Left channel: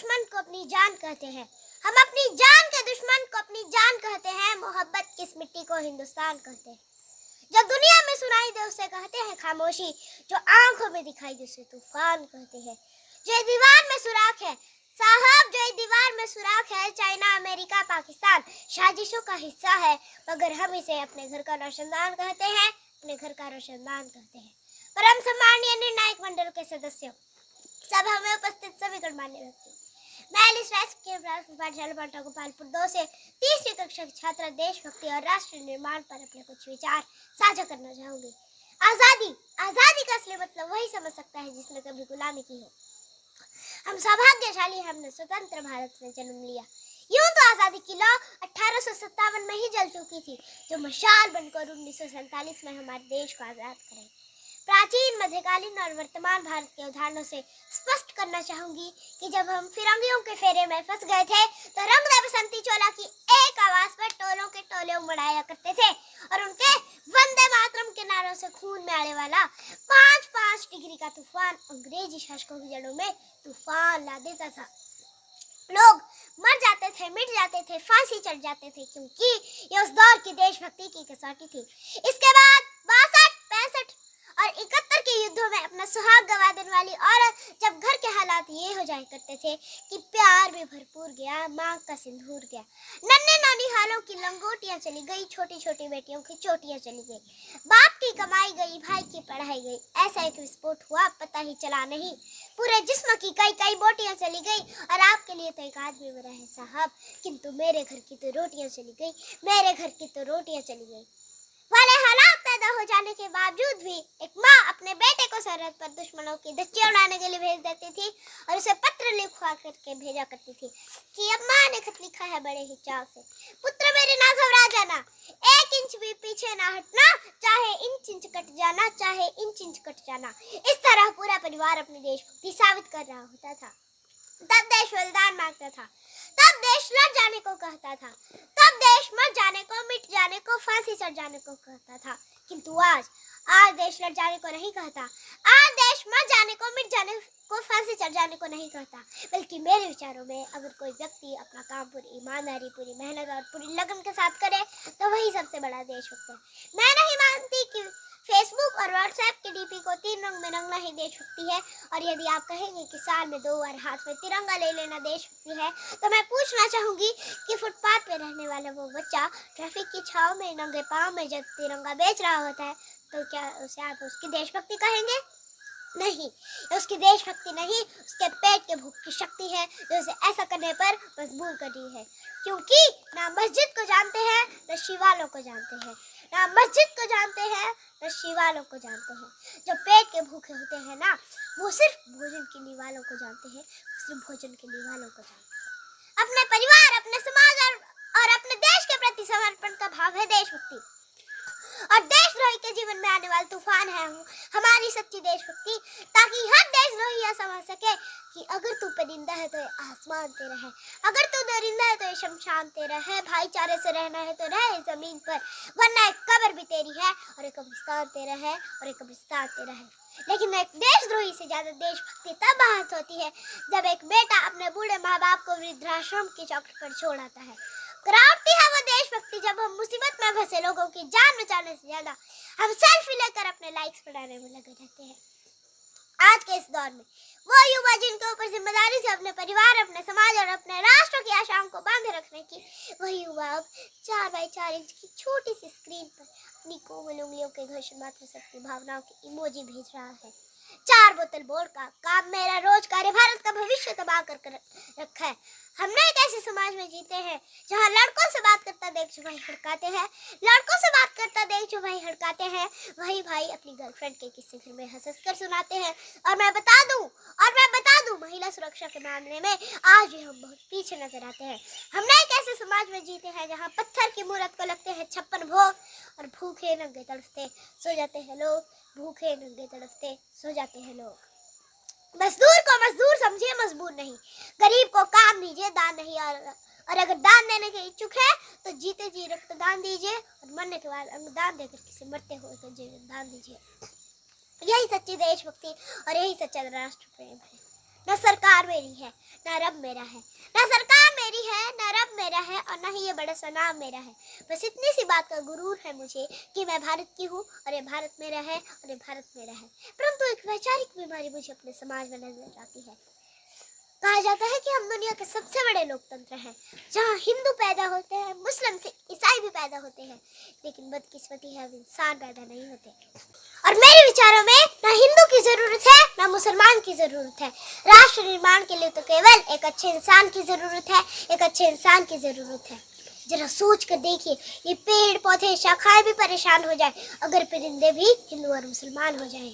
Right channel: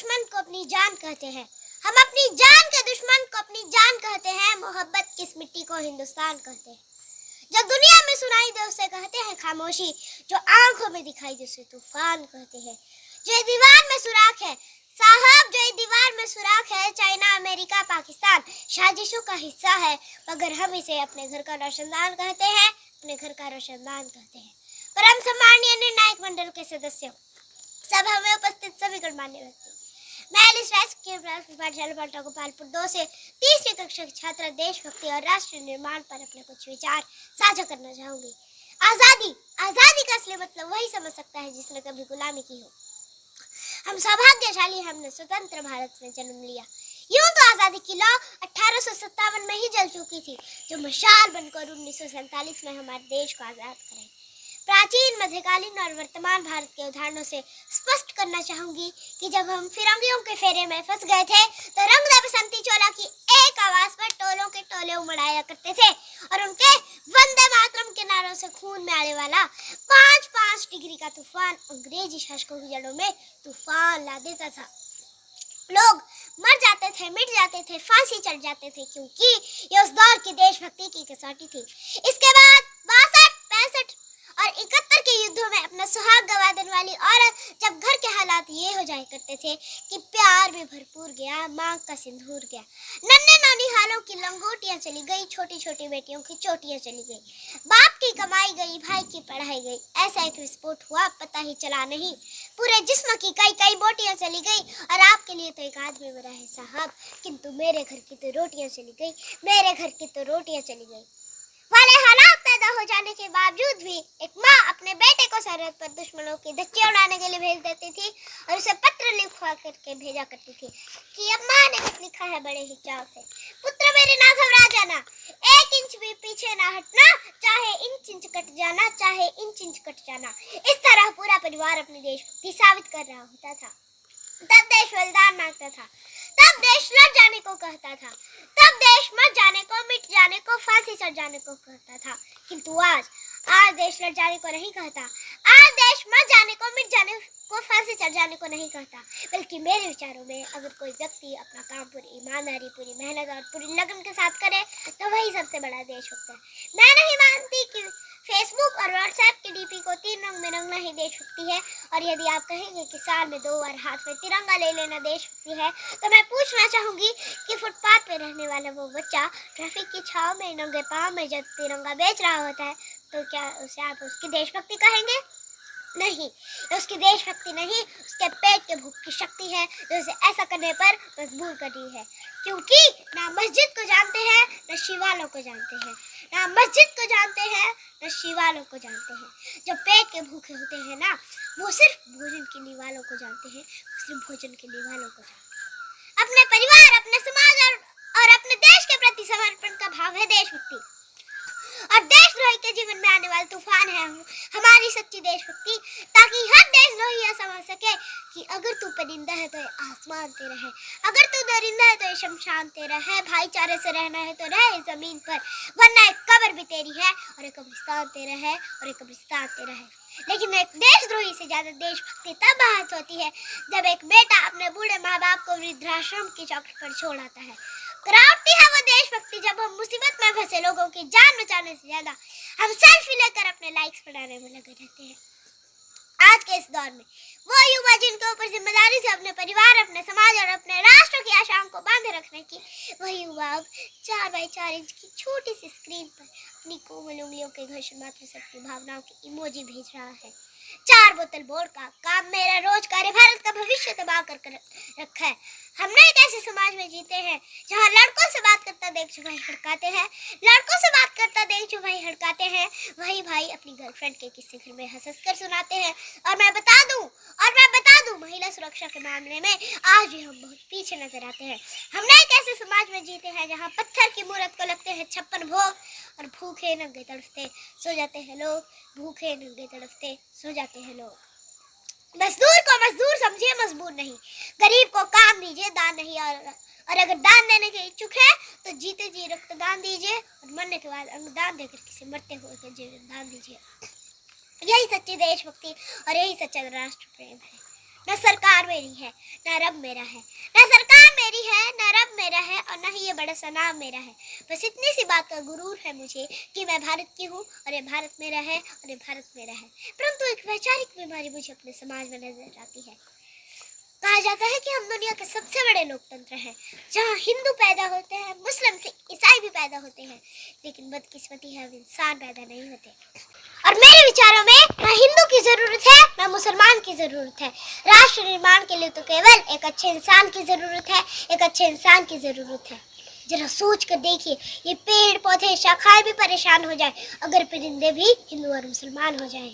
दुश्मन को अपनी जान कहते हैं, हम अपनी जान के दुश्मन को अपनी जान कहते हैं। मोहब्बत की इस मिट्टी को हिंदुस्तान कहते हैं। जो दुनिया में सुनाई दे उसे कहते हैं खामोशी, जो आंखों में दिखाई दे उसे तूफान कहते हैं। जो दीवार में सुराख है साहब, जो दीवार में सुराख है, चाइना अमेरिका पाकिस्तान साजिशों का हिस्सा है, मगर हम इसे अपने घर का रोशनदान कहते हैं, अपने घर का रोशनदान कहते हैं। परम सम्माननीय निर्णायक मंडल के सदस्यों, सभा में उपस्थित सभी गणमान्य व्यक्ति, मैं पाठशाला पाटा गोपालपुर 2 से 30वीं कक्षा की छात्रा देशभक्ति और राष्ट्र निर्माण पर अपने कुछ विचार साझा करना चाहूंगी। आजादी का असली मतलब वही समझ सकता है जिसने कभी गुलामी की हो। हम सौभाग्यशाली, हमने स्वतंत्र भारत में जन्म लिया। यूं तो आजादी की लौ 1857 में ही जल चुकी थी, जो मशाल बनकर 1947 में हमारे देश को आजाद करे। प्राचीन, मध्यकालीन और वर्तमान भारत के उदाहरणों से स्पष्ट करना चाहूंगी कि जब हम फिरंगियों के फेरे में फंस गए थे तो रंग दे बसंती चोला की एक आवाज पर टोलों के टोले उमड़ाया करते थे और उनके वंदे मातरम के नारों से खून में आने वाला 5-5 डिग्री का तूफान अंग्रेजी शासकों की जड़ों में तूफान ला देता था। लोग मर जाते थे, मिट जाते थे, फांसी चढ़ जाते थे, क्योंकि ये उस दौर की देशभक्ति की कसौटी थी। इसके बाद 62, 65 और 71 के युद्धों में अपना सुहाग गवा देने वाली औरत जब घर के हालात ये हो जाया करते थे कि प्यार भी भरपूर गया, मांग का सिंदूर गया, नन्हे नौनिहालों की लंगोटियां चली गई, छोटी छोटी बेटियों की चोटियां चली गई, बाप की कमाई गई, भाई की पढ़ाई गई, ऐसा एक विस्फोट हुआ पता ही चला नहीं, पूरे जिस्म की कई कई बोटियां चली गई और आपके लिए तो एक आदमी मरा है साहब, किंतु मेरे घर की तो रोटियां चली गई, मेरे घर की तो रोटियां चली गई। वाले हालात पैदा हो जाने के बावजूद भी एक माँ अपने बेटे को सरहद पर दुश्मनों की धज्जियां उड़ाने के लिए भेज देती थी और उसे पत्र लिखवा करके भेजा करती थी कि अम्मा ने कुछ लिखा है बड़े ही चाव से, पुत्र मेरे ना घबरा जाना, 1 इंच भी पीछे ना हटना, चाहे इंच कट जाना, चाहे इंच कट जाना। इस तरह पूरा परिवार अपनी देशभक्ति साबित कर रहा होता था। तब देश बलिदान मांगता था, तब देश लड़ जाने को कहता था, तब देश मर जाने को, मिट जाने को, फांसी चढ़ जाने को कहता था। किंतु आज देश लड़ जाने को नहीं कहता, आज देश मर जाने को, मिट जाने को, फांसी चढ़ जाने को नहीं कहता, बल्कि मेरे विचारों में अगर कोई व्यक्ति अपना काम पूरी ईमानदारी, पूरी मेहनत और पूरी लगन के साथ करे तो वही सबसे बड़ा देशभक्त है। मैं नहीं मानती कि फेसबुक और व्हाट्सएप के डीपी को 3 रंग में रंगना ही देशभक्ति है, और यदि आप कहेंगे कि साल में 2 बार हाथ में तिरंगा ले लेना देशभक्ति है, तो मैं पूछना चाहूंगी कि फुटपाथ पे रहने वाला वो बच्चा ट्रैफिक की छाव में नंगे पांव में जब तिरंगा बेच रहा होता है तो क्या उसे आप उसकी देशभक्ति कहेंगे? नहीं, उसकी देशभक्ति नहीं, उसके पेट के भूख की शक्ति है जो उसे ऐसा करने पर मजबूर कर रही है, क्योंकि ना मस्जिद को जानते हैं न शिवालों को जानते हैं, ना मस्जिद को जानते हैं न शिवालों को जानते हैं। जो पेट के भूखे होते हैं ना, वो सिर्फ भोजन के लिए वालों को जानते हैं, सिर्फ भोजन के लिए वालों को जानते हैं। अपने परिवार, अपने समाज और अपने देश के प्रति समर्पण का भाव है देशभक्ति, और देशद्रोही के जीवन में आने वाला तूफान है हमारी सच्ची देशभक्ति, ताकि हर देशद्रोही यह समझ सके कि अगर तू परिंदा है तो ये आसमान तेरा है, अगर तू दरिंदा है तो ये शमशान तेरा है, भाईचारे से रहना है तो रह इस जमीन पर, वरना एक कब्र भी तेरी है और एक कब्रिस्तान तेरा है और एक कब्रिस्तान तेरा है। लेकिन एक देशद्रोही से ज्यादा देशभक्ति तब आहत होती है जब एक बेटा अपने बूढ़े माँ बाप को वृद्धाश्रम की चौखट पर छोड़ आता है। करावती है वो देशभक्ति जब हम मुसीबत में फंसे लोगों की जान बचाने से ज्यादा हम सेल्फी लेकर अपने लाइक्स बढ़ाने में लगे रहते हैं। आज के इस दौर में वो युवा जिनके ऊपर जिम्मेदारी से अपने परिवार, अपने समाज और अपने राष्ट्र की आशाओं को बांधे रखने की, वही युवा अब 4x4 इंच की छोटी सी स्क्रीन पर अपनी कोमल उंगलियों के घर्षण मात्र से अपनी भावनाओं की इमोजी भेज रहा है। 4 बोतल बोर्ड का काम मेरा रोजगार भारत का भविष्य तबाह कर रखा है। हमने एक ऐसे समाज में जीते हैं जहाँ लड़कों से बात करता देख जो भाई हड़काते हैं, लड़कों से बात करता देख जो भाई हड़काते हैं, वही भाई अपनी गर्लफ्रेंड के किस्से घर में हंस कर सुनाते हैं। और मैं बता दूं महिला सुरक्षा के मामले में आज भी हम बहुत पीछे नजर आते हैं। हमने एक ऐसे समाज में जीते हैं जहाँ पत्थर की मूरत को लगते हैं 56 भोग और भूखे नंगे तड़पते सो जाते हैं लोग, भूखे नंगे तड़पते सो जाते हैं लोग। मजदूर को मजदूर समझिए, मजबूर नहीं। गरीब को काम दीजिए, दान नहीं। और अगर दान देने के इच्छुक है तो जीते जी रक्तदान दीजिए और मरने के बाद अंगदान देकर किसी मरते हुए का जीवन दान दीजिए। यही सच्ची देशभक्ति और यही सच्चा राष्ट्र प्रेम है। न सरकार मेरी है न रब मेरा है, न सरकार मेरी है न रब मेरा है, और न ही ये बड़ा सा नाम मेरा है। बस इतनी सी बात का गुरूर है मुझे कि मैं भारत की हूँ और ये भारत मेरा है और ये भारत मेरा है। परंतु एक वैचारिक बीमारी मुझे अपने समाज में नजर आती है। कहा जाता है कि हम दुनिया के सबसे बड़े लोकतंत्र हैं, जहाँ हिंदू पैदा होते हैं, मुस्लिम से ईसाई भी पैदा होते हैं, लेकिन बदकिस्मती है इंसान पैदा नहीं होते। और मेरे विचारों में न हिंदू की जरूरत है न मुसलमान की जरूरत है। राष्ट्र निर्माण के लिए तो केवल एक अच्छे इंसान की जरूरत है, एक अच्छे इंसान की जरूरत है। जरा सोच कर देखिए, ये पेड़ पौधे शाखाएं भी परेशान हो जाए अगर परिंदे भी हिंदू और मुसलमान हो जाएं।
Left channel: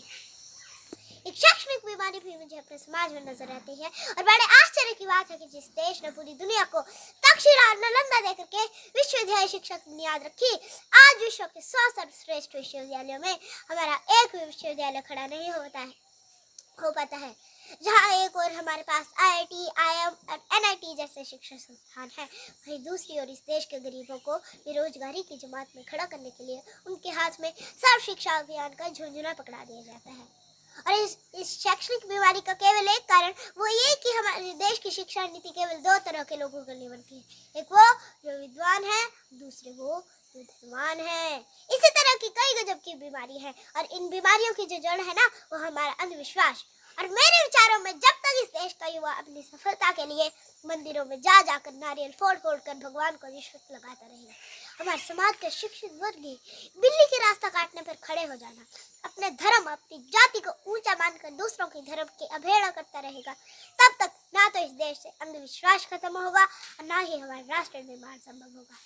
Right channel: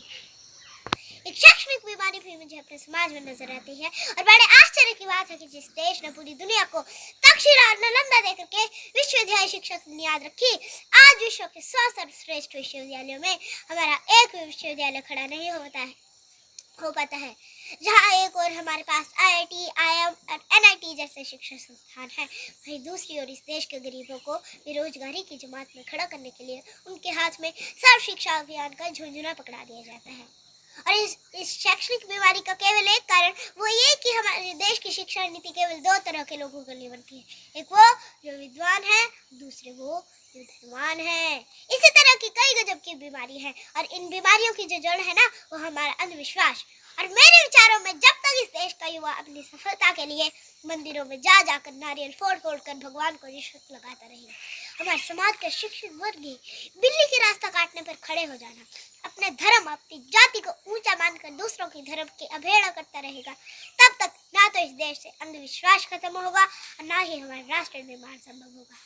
एक शैक्षणिक बीमारी भी मुझे अपने समाज में नजर आती है, और बड़े आश्चर्य की बात है कि जिस देश ने पूरी दुनिया को तक्षशिला और नालंदा देकर के विश्वविद्यालय शिक्षा की बुनियाद रखी, आज विश्व के 100 सर्वश्रेष्ठ विश्वविद्यालयों में हमारा एक भी विश्वविद्यालय खड़ा नहीं हो पाता है। जहाँ एक और हमारे पास IIT, IIM और NIT जैसे शिक्षा संस्थान है, वहीं दूसरी ओर इस देश के गरीबों को बेरोजगारी की जमात में खड़ा करने के लिए उनके हाथ में सर्व शिक्षा अभियान का झुंझुना पकड़ा दिया जाता है। और इस शैक्षणिक बीमारी का केवल एक कारण वो ये कि हमारे देश की शिक्षा नीति केवल 2 तरह के लोगों के लिए बनती है, एक वो जो विद्वान है, दूसरे वो जो धनवान है। इसी तरह की कई गजब की बीमारी है, और इन बीमारियों की जो जड़ है ना, वो हमारा अंधविश्वास। और मेरे विचारों में जब तक इस देश का युवा अपनी सफलता के लिए मंदिरों में जाकर नारियल फोड़ कर भगवान को रिश्वत लगाता रहेगा, हमारे समाज का शिक्षित वर्ग ही बिल्ली की रास्ता काटने पर खड़े हो जाना, अपने धर्म अपनी जाति को ऊंचा मानकर दूसरों के धर्म की अवहेलना करता रहेगा, तब तक ना तो इस देश से अंधविश्वास खत्म होगा और ना ही हमारा राष्ट्र निर्माण संभव होगा।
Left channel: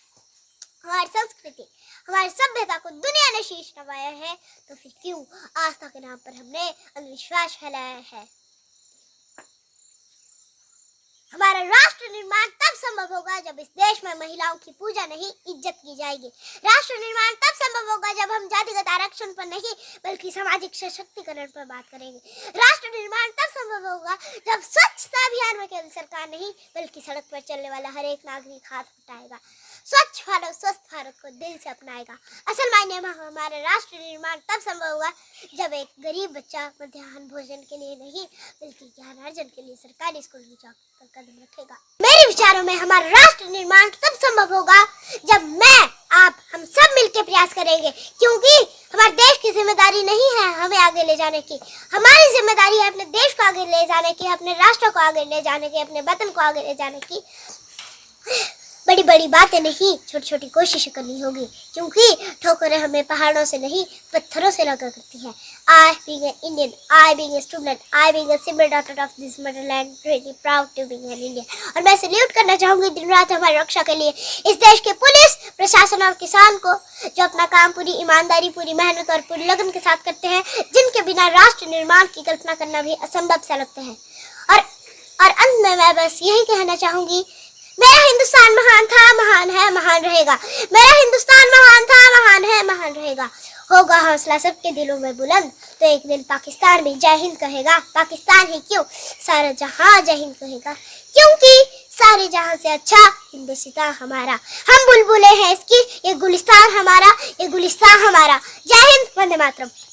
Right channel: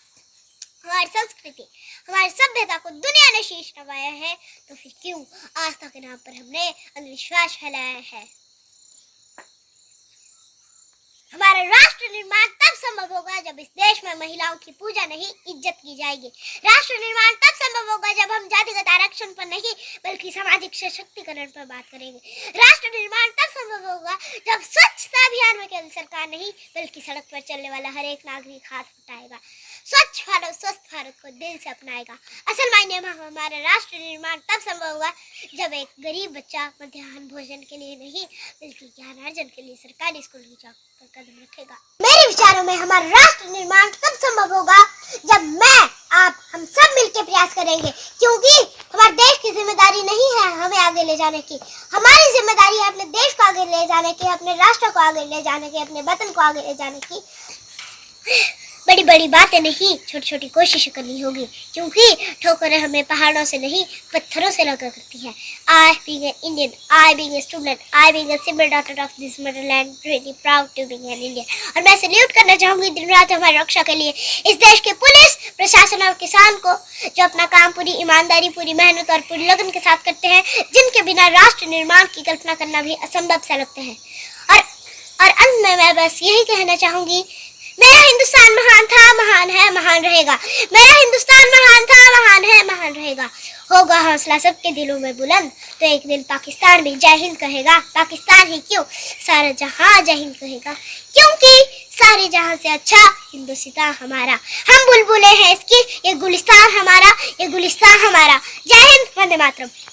हमारी संस्कृति, हमारी सभ्यता को दुनिया ने शीश नवाया है, तो फिर क्यों आस्था के नाम पर हमने अंधविश्वास फैलाया है। हमारा राष्ट्र निर्माण तब संभव होगा जब इस देश में महिलाओं की पूजा नहीं, इज्जत की जाएगी। राष्ट्र निर्माण तब संभव होगा जब हम जातिगत आरक्षण पर नहीं बल्कि सामाजिक सशक्तिकरण पर बात करेंगे। राष्ट्र निर्माण तब संभव होगा जब स्वच्छता अभियान में केवल सरकार नहीं बल्कि सड़क पर चलने वाला हर एक नागरिक हाथ उठाएगा, स्वच्छ भारत स्वस्थ भारत को दिल से अपनाएगा। असल मायने में हमारा राष्ट्र निर्माण तब संभव होगा जब एक गरीब बच्चा मध्याह्न भोजन के लिए नहीं बल्कि ज्ञानार्जन के लिए सरकारी स्कूल की चौक पर कदम रखेगा। मेरे विचारों में हमारा राष्ट्र निर्माण तब संभव होगा जब मैं, आप, हम सब मिलकर प्रयास करेंगे, क्योंकि हमारे देश की जिम्मेदारी नहीं है हमें आगे ले जाने की, हमारी जिम्मेदारी है अपने देश को आगे ले जाने की, अपने राष्ट्र को आगे ले जाने की, अपने वतन को आगे ले जाने की। बड़ी बड़ी बातें नहीं, छोटी छोटी कोशिशें करनी होगी, क्योंकि ठोकरें हमें पहाड़ों से नहीं पत्थरों से लगा करती है। I being an Indian, I being a student, I being a simple daughter of this motherland, really proud to be an Indian। और मैं सैल्यूट करना चाहूँगी दिन रात हमारी रक्षा के लिए इस देश के पुलिस प्रशासन और किसान को, जो अपना काम पूरी ईमानदारी, पूरी मेहनत और पूरी लगन के साथ करते हैं, जिनके बिना राष्ट्र निर्माण की कल्पना करना भी असंभव सा लगता है। और अंत में मैं बस यही कहना चाहूँगी, मेरा हिंदुस्तान महान था, महान है, महान रहेगा। मेरा हिंदुस्तान महान था, महान है, महान रहेगा। होगा हौसला सबके दिलों में बुलंद, तो एक दिन पाकिस्तान भी जय हिंद कहेगा। पाकिस्तान ही क्यों, सारा जहां जय हिंद कहेगा, क्योंकि सारे जहां से अच्छा हिंदुस्तान हमारा। हम बुलबुलें हैं इसकी, ये गुलिस्तान हमारा, ये गुलिस्तान हमारा। जय हिंद, वंदे मातरम।